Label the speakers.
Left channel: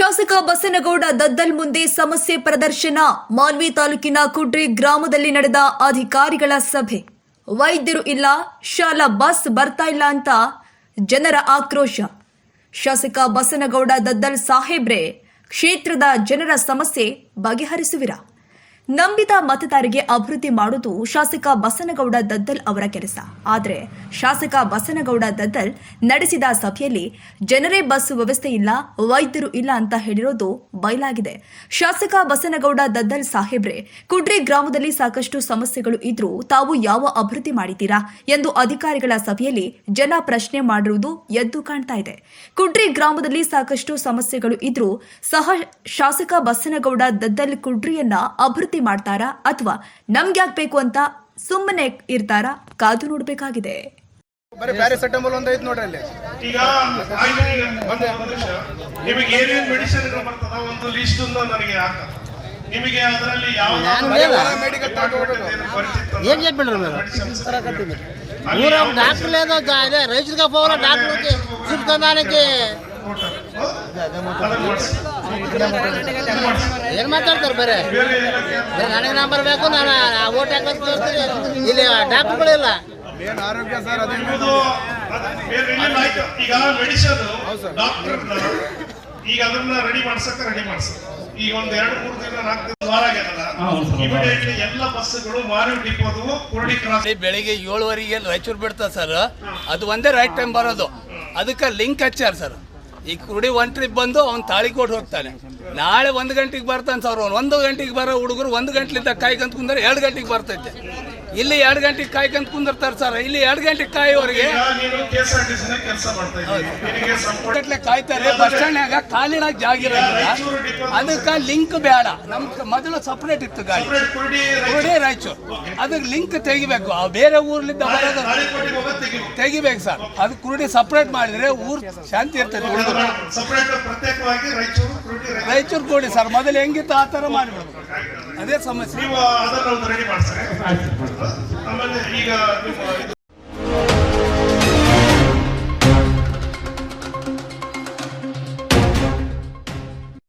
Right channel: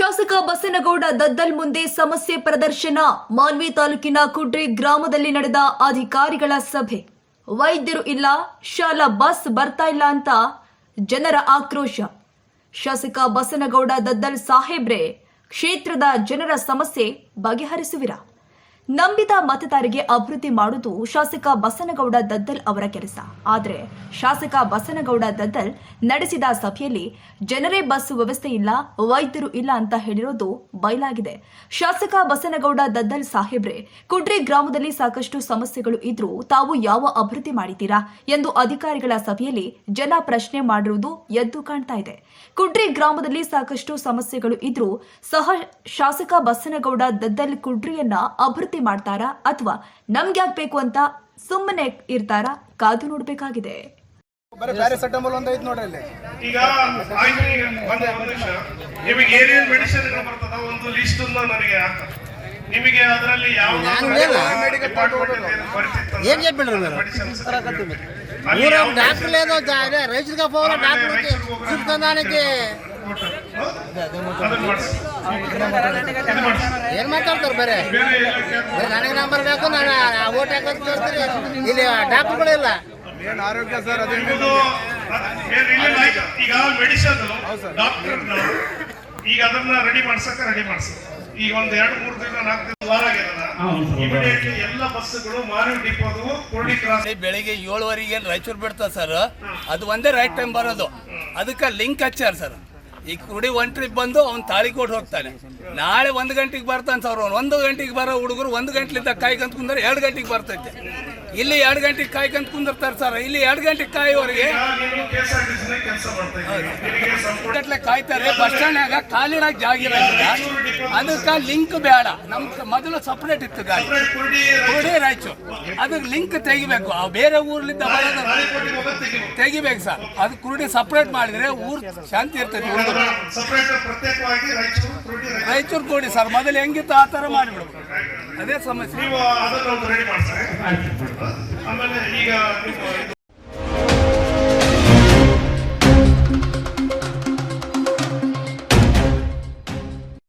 Speaker 1: ಶಾಸಕ ಬಸನಗೌಡ ದದ್ದಲ್ ಮುಂದೆ ಸಮಸ್ಯೆ ಪ್ರದರ್ಶನ. ಮಾಲ್ವಿ ತಾಲೂಕಿನ ಕುಡ್ರಿ ಗ್ರಾಮದಲ್ಲಿ ನಡೆದ ಅಧಿಕಾರಿಗಳ ಸಭೆ. ವೈದ್ಯರು ಇಲ್ಲ, ಶಾಲಾ ಬಸ್ ಬರ್ತಾ ಇಲ್ಲ ಅಂತ ಜನರ ಆಕ್ರೋಶ. ಶಾಸಕ ಬಸನಗೌಡ ದದ್ದಲ್ ಸಾಹೇಬ್ರೆ, ಕ್ಷೇತ್ರದ ಜನರ ಸಮಸ್ಯೆ ಬಗೆಹರಿಸುವಿರಾ? ನಂಬಿದ ಮತದಾರರಿಗೆ ಅಭಿವೃದ್ಧಿ ಮಾಡುವುದು ಶಾಸಕ ಬಸನಗೌಡ ದದ್ದಲ್ ಅವರ ಕೆಲಸ. ಆದರೆ ಶಾಸಕ ಬಸನಗೌಡ ದದ್ದಲ್ ನಡೆಸಿದ ಸಭೆಯಲ್ಲಿ ಜನರೇ ಬಸ್ ವ್ಯವಸ್ಥೆ ಇಲ್ಲ, ವೈದ್ಯರು ಇಲ್ಲ ಅಂತ ಹೇಳಿರೋದು ಬಯಲಾಗಿದೆ. ಶಾಸಕ ಬಸನಗೌಡ ದದ್ದಲ್ ಸಾಹೇಬ್ರೆ, ಕುಡ್ರಿ ಗ್ರಾಮದಲ್ಲಿ ಸಾಕಷ್ಟು ಸಮಸ್ಯೆಗಳು ಇದ್ರೂ ತಾವು ಯಾವ ಅಭಿವೃದ್ಧಿ ಮಾಡಿದ್ದೀರಾ ಎಂದು ಅಧಿಕಾರಿಗಳ ಸಭೆಯಲ್ಲಿ ಜನ ಪ್ರಶ್ನೆ ಮಾಡಿರುವುದು ಎದ್ದು ಕಾಣ್ತಾ ಇದೆ. ಕುಡ್ರಿ ಗ್ರಾಮದಲ್ಲಿ ಸಾಕಷ್ಟು ಸಮಸ್ಯೆಗಳು ಇದ್ರೂ ಸಹ ಶಾಸಕ ಬಸನಗೌಡ ದದ್ದಲ್ ಕುಡ್ರಿಯನ್ನ ಅಭಿವೃದ್ಧಿ ಮಾಡ್ತಾರಾ ಅಥವಾ ನಮ್ಗ್ಯಾಕ್ ಬೇಕು ಅಂತ ಸುಮ್ಮನೆ ಇರ್ತಾರಾ ಕಾದು ನೋಡಬೇಕಾಗಿದೆ
Speaker 2: ಬರೀ ಪ್ಯಾರಾಸೆಟಮಲ್ ಒಂದ್ ಐತ್ ನೋಡ್ರಿ ಅಲ್ಲಿ
Speaker 3: ಈಗ ಆಯ್ತು ಈಗ ಒಂದು ಒಂದು ನಿಮಿಷ ನಿಮಗೆ ಏನೇನು ಮೆಡಿಸಿನ್ಗಳು ಬರ್ತದ ಒಂದು ಲಿಸ್ಟ್ ನನಗೆ ಹಾಕ ನಿಮಗೆ ಅದರಲ್ಲಿ ಯಾವ್ದಾದ್ರು ಡಿಪಾರ್ಟ್ಮೆಂಟ್ ಪರಿಚಿತ
Speaker 4: ఏం చెప్పిండ్రు మీరు
Speaker 3: ಮೆಡಿಸಿನ್ಸ್
Speaker 4: ఊరు డాక్టర్ లేదు అదే రైతులుగా పోవాలి డాక్టర్కి చూపుతానికి ಏನ್ ಮಾತಾಡ್ತಾರ ಬೇರೆ? ಬೇರೆ ನನಗೆ ನಂಬರ್ ಬೇಕು, ನಾನು ಓಟ್ ಹಾಕೋದು ತೋರಿಸ್ತೀನಿ ಇಲ್ಲಿ ಡಾಕ್ಟರ್ಗಳು ಇಲ್ಲ.
Speaker 2: ಆರೋಗ್ಯ ಸರ್
Speaker 3: ಈಗ ಮೆಡಿಸಿನ್ ಡಾಕ್ಟರ್ ಈಗ ಅದನ್ನ ರೆಡಿ ಮಾಡ್ಸಕ್ಕ ರೆಡಿ ಮಾಡ್ಸಕ್ ಈಗ ಒಂದ್ ಎರಡು ಮೂರು ದಿನ ನಾಲ್ಕು ವಾರ ಇಮಿಡಿಯೇಟ್ಲಿ ಎಲ್ಲ ಬಸ್ಸುಗಳು ಮಾರಿ ಡಿಪೋದು ಕುರುಡಿ ಕ್ರಾಸ್
Speaker 5: ಬೆಳಿಗ್ಗೆ ಏಳುವರೆಗೆ ರಾಯಚೂರು ಬಿಡ್ತಾರೆ ಸರ್. ಅದು ಒಂದೇ ರೈಟ್ ಟೈಮ್ ಬರೋದು. ಅದಕ್ಕೆ ಲಿಂಕ್ ಹಚ್ಚಾರ ಸರ್. ಈ ಕುಡಿ ಒನ್ ಟ್ರಿಪ್ ಬಂದು ಅವ್ನು ಕೊಟ್ಟು ಹೋಗ್ತಾನೆ. ನಾಳೆ ಒಂದು ಗಂಟೆಗೆ ಬರ್ತಾನೆ ಸರ್ ಅವ್ನು. ಒಂದು ಗಂಟೆಗೆ ಬರೋ ಹುಡುಗರು ಒಂದು ಗಂಟೆಲಿಂದ ಕಾಯ್ಕೊಂತ ಕುಂದ್ರೆ ಎರಡು ಗಂಟೆಗೆ ಬರ್ತೈತೆ. ಇಲ್ಲಿ ಎರಡು ಗಂಟೆಗೆ ಕಾಯ್ಕಂತ ಕುಂದಿರ್ತಾರೆ ಸರ್ ಇಲ್ಲಿ ಎರಡು ಗಂಟೆಗೆ ಕಾಯೋವರೆಗೆ ಗಂಟ್ಲೆ ಕಾಯ್ತಾರೆ. ಬಸ್ ಸ್ಟ್ಯಾಂಡ್ನಾಗ ಖಾಲಿನಾಗ ಜಾಗ ಇರೋದಿಲ್ಲ. ಅದಕ್ಕೆ ಲಿಂಕ್ ಬೇಡ. ನಮ್ ಮೊದಲು ಸಪ್ರೇಟ್ ಇತ್ತು ಗಾಡಿ.
Speaker 3: ಕುರುಡಿ
Speaker 5: ರಾಯಚೂರು. ಅದಕ್ಕೆ ಲಿಂಕ್ ತೆಗಿಬೇಕು. ಆ ಬೇರೆ ಊರ್ಲಿಂದ
Speaker 3: ತೆಗಿಬೇಕು
Speaker 5: ಸರ್. ಅದು ಕುರುಡಿ ಸಪ್ರೇಟ್ ಮಾಡಿದ್ರೆ ಊರ್ ಶಾಂತಿ ಇರ್ತದೆ
Speaker 3: ಸಪರೇಟ್ ಪ್ರತ್ಯೇಕವಾಗಿ ರಾಯಚೂರು ಕುರುಡಿ ರಾಯಚೂರು.
Speaker 5: ರೈತರು ಕೊಡಿ ಸರ್ ಮೊದಲು ಹೆಂಗಿತ್ತು ಆ ಥರ ಅದೇ ಸಮಸ್ಯೆ.
Speaker 3: ನೀವು ಅದನ್ನು ಒಂದು ರೆಡಿ ಮಾಡ್ತಾರೆ? ಆಮೇಲೆ ಈಗ